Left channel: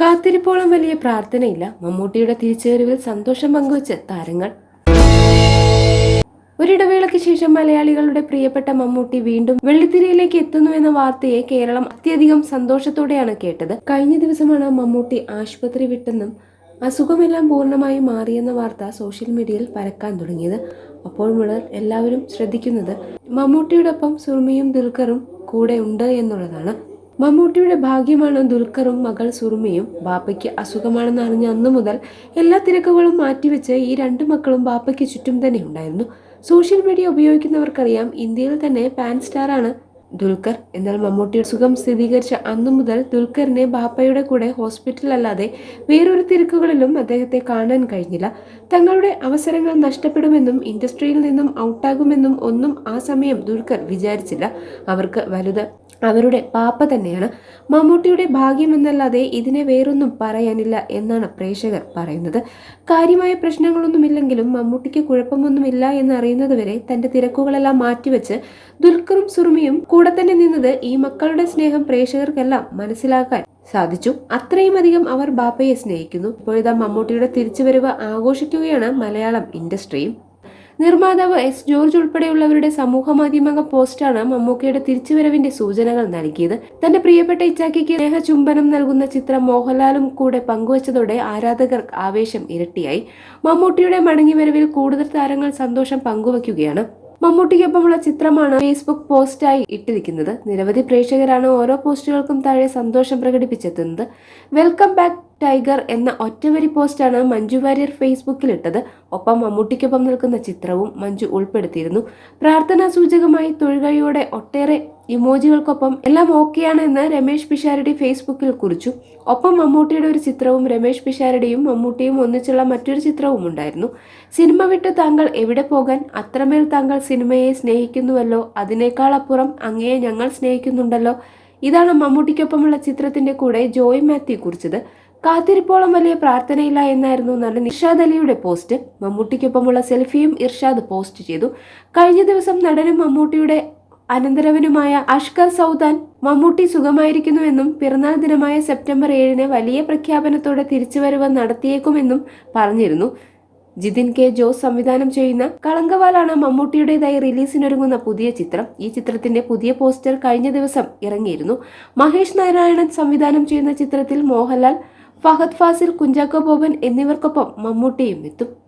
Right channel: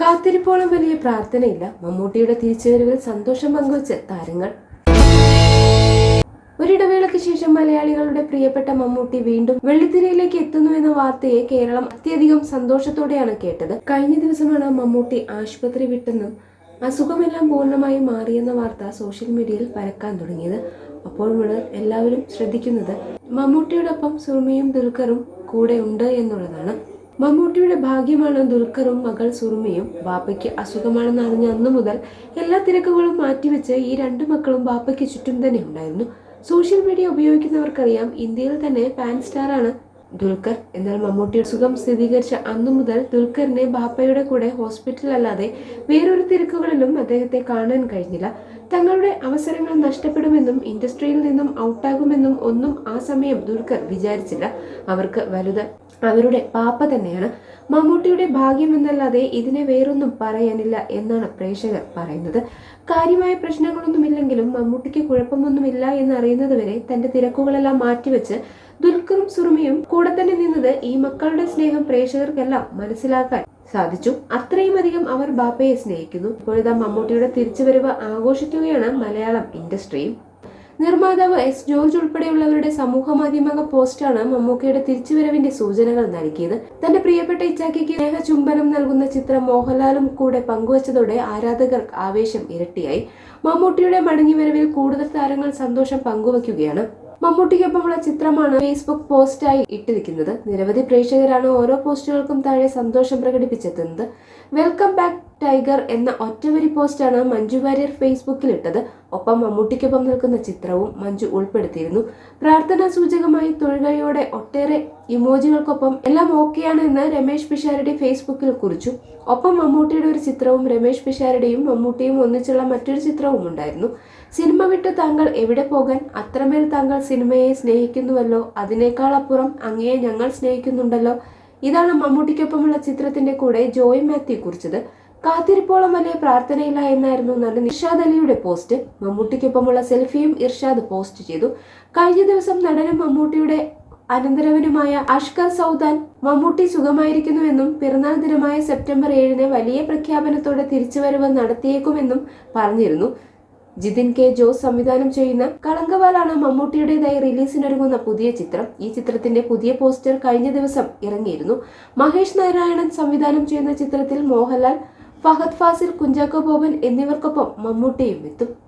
കാത്തിരിപ്പോളം വലിയ പ്രാർത്ഥനയില്ല. മമ്മൂട്ടിയുടെ തിരിച്ചുവരവിൽ സന്തോഷം പങ്കുവച്ച് താരങ്ങൾ. ഒരിടവേളയ്ക്ക് ശേഷം മലയാളികളുടെ പ്രിയപ്പെട്ട മമ്മൂട്ടി വീണ്ടും വെള്ളിത്തിരയിലേക്ക് എത്തുന്നു എന്ന വാർത്തയെ കേരളം അത്യധികം സന്തോഷത്തോടെയാണ് കേട്ടത്. കഴിഞ്ഞ ദിവസമാണ് മമ്മൂട്ടി ആശുപത്രി വിട്ടെന്നും അസുഖമെല്ലാം പൂർണമായി മാറിയെന്ന വാർത്ത സോഷ്യൽ മീഡിയയിൽ പരക്കാൻ തുടങ്ങിയത്. അപ്പോൾ മുതൽ എല്ലാവരും ശ്രദ്ധിക്കുന്നത് മമ്മൂട്ടിയോടൊപ്പം സുറുമിയും ദുൽഖറും കൂടെ ഉണ്ട് എന്നുള്ളതാണ്. മമ്മൂട്ടിയുടെ ഭാഗ്യമാണ് ദുൽഖറും മകൾ സുറുമയും. ബാപ്പയ്ക്ക് അസുഖമാണെന്ന് അറിഞ്ഞ അന്നു മുതൽ എല്ലാ തിരക്കുകളും മാറ്റിവെച്ച് ഈ രണ്ട് മക്കളും ബാപ്പയ്ക്ക് ചുറ്റും തന്നെ ഉണ്ടായിരുന്നു. സോഷ്യൽ മീഡിയ ഉപയോഗിക്കുന്നവർക്കറിയാം ഇന്ത്യയിൽ തന്നെ പാൻ സ്റ്റാറാണ് ദുൽഖർ എന്നാൽ മമ്മൂട്ടിയുടെ സുഖം സ്ഥിരീകരിച്ച അന്നു മുതൽ ദുൽഖറിനെ ബാപ്പയുടെ കൂടെ ഹോസ്പിറ്റലല്ലാതെ വേറൊരു തിരക്കുകളിലും അദ്ദേഹത്തെ കാണാൻ കഴിഞ്ഞില്ല. തങ്ങളുടെ അവസരങ്ങൾ നഷ്ടപ്പെടുമെന്നും ഇൻഡസ്ട്രിയിൽ നിന്നും ഔട്ടാകുമെന്നും ഒന്നും ആ സമയം ദുൽഖർ വിചാരിച്ചില്ല. അവർക്ക് വലുത് അവരുടെ പാപ്പ തന്നെയാണ്. മമ്മൂട്ടിയുടെ ഭാഗ്യമെന്നല്ലാതെ ഇതിനെ വേറൊന്നും പറയാനില്ല എന്നാണ് പ്രേക്ഷകർ പറയുന്നത്. കാര്യമായ പ്രശ്നങ്ങളൊന്നുമില്ലെങ്കിലും മമ്മൂട്ടിക്ക് കുഴപ്പമൊന്നുമില്ല എന്നറിയുന്നതുവരെ തന്റെ തിരക്കുകളെല്ലാം മാറ്റിവെച്ച് ദുൽഖറും സുറുമിയും കൂടെ തന്നെ നിന്നത് ഈ മക്കളുടെ സ്നേഹം പ്രേക്ഷകർക്കെല്ലാം മനസ്സിലാക്കാൻ സാധിച്ചു. അത്രയും അധികം അവർ ബാപ്പയെ സ്നേഹിക്കുന്നു. ഇപ്പോഴിതാ മമ്മൂട്ടിയുടെ തിരിച്ചുവരവ് ആഘോഷിക്കുകയാണ് മലയാളം ഇൻഡസ്ട്രിയും. നിർമ്മാതാവ് എസ് ജോർജ് ഉൾപ്പെടെയുള്ളവരുടെ സമൂഹ മാധ്യമ പോസ്റ്റാണ് മമ്മൂക്കയുടെ തിരിച്ചുവരവിന്റെ സൂചനകൾ നൽകിയത്. തന്റെ പ്രിയപ്പെട്ട ഇച്ചാക്കിക്ക് സ്നേഹ ചുംബനം നൽകുന്ന ചിത്രം മോഹൻലാലും കൂടെ പങ്കുവച്ചതോടെ ആരാധകർ ആവേശം ഇരട്ടിയായി. മമ്മൂട്ടിയുടെ മടങ്ങിവരവിൽ കൂടുതൽ താരങ്ങൾ സന്തോഷം പങ്കുവയ്ക്കുകയാണ്. മമ്മൂട്ടിക്കൊപ്പമുള്ള ചിത്രമാണ് ഫേസ്ബുക്ക് പോസ്റ്റായി ഇട്ടിരിക്കുന്നത്. നിരവധി പ്രേക്ഷകരാണ് ഓരോ പോസ്റ്റുകൾക്കും താഴെ സന്തോഷം പ്രകടിപ്പിച്ചെത്തുന്നത്. വെൽക്കം ബാക്ക് ടൈഗർ എന്ന ഒറ്റവരി പോസ്റ്റാണ് മഞ്ജു വാര്യർ ഫേസ്ബുക്കിൽ ഇട്ടത് ഒപ്പം മമ്മൂട്ടിക്കൊപ്പം നിൽക്കുന്ന ചിത്രവും മഞ്ജു ഉൾപ്പെടുത്തിയിരുന്നു. പ്രാർത്ഥനാ സൂചകമായി തൊഴുകയോടെ ഒട്ടേറെ ഇമോജികൾക്കൊപ്പം എല്ലാം ഓക്കെയാണ് എന്ന് രമേശ് പിഷാരടി ഫേസ്ബുക്കിൽ കുറിച്ചു. ഒപ്പം മമ്മൂട്ടിയുടെ ഒരു ചിത്രവും രമേശ് പിഷാരടിയും മമ്മൂട്ടിയും ഒന്നിച്ചുള്ള മറ്റൊരു ചിത്രവും ഉണ്ടായിരുന്നു സിനിമ വിട്ട് താങ്കൾ എവിടെ പോകാൻ അത്രമേൽ താങ്കൾ സിനിമയെ സ്നേഹിക്കുന്നുവല്ലോ. അതിനേക്കാൾ അപ്പുറം അങ്ങയെ ഞങ്ങൾ സ്നേഹിക്കുന്നുണ്ടല്ലോ. ഇതാണ് മമ്മൂട്ടിക്കൊപ്പമുള്ള ചിത്രത്തിന്റെ കൂടെ ജോയ് മാത്യു കുറിച്ചത് കാത്തിരിപ്പോളം വലിയ പ്രാർത്ഥനയില്ല എന്നായിരുന്നു നടൻ ഇർഷാദ് അലിയുടെ പോസ്റ്റ്. മമ്മൂട്ടിക്കൊപ്പമുള്ള സെൽഫിയും ഇർഷാദ് പോസ്റ്റ് ചെയ്തു. കഴിഞ്ഞ ദിവസം നടനും മമ്മൂട്ടിയുടെ അനന്തരവനുമായ അഷ്കർ സൗദാൻ മമ്മൂട്ടി സുഖമായിരിക്കുന്നുവെന്നും പിറന്നാൾ ദിനമായ സെപ്റ്റംബർ ഏഴിന് വലിയ പ്രഖ്യാപനത്തോടെ തിരിച്ചുവരവ് നടത്തിയേക്കുമെന്നും പറഞ്ഞിരുന്നു. ജിതിൻ കെ ജോസ് സംവിധാനം ചെയ്യുന്ന കളങ്കവാലാണ് മമ്മൂട്ടിയുടേതായി റിലീസിനൊരുങ്ങുന്ന പുതിയ ചിത്രം. ഈ ചിത്രത്തിന്റെ പുതിയ പോസ്റ്റർ കഴിഞ്ഞ ദിവസം ഇറങ്ങിയിരുന്നു. മഹേഷ് നാരായണൻ സംവിധാനം ചെയ്യുന്ന ചിത്രത്തിൽ മോഹൻലാൽ ഫഹദ് ഫാസിൽ കുഞ്ചാക്കോ ബോബൻ എന്നിവർക്കൊപ്പം മമ്മൂട്ടിയും എത്തും.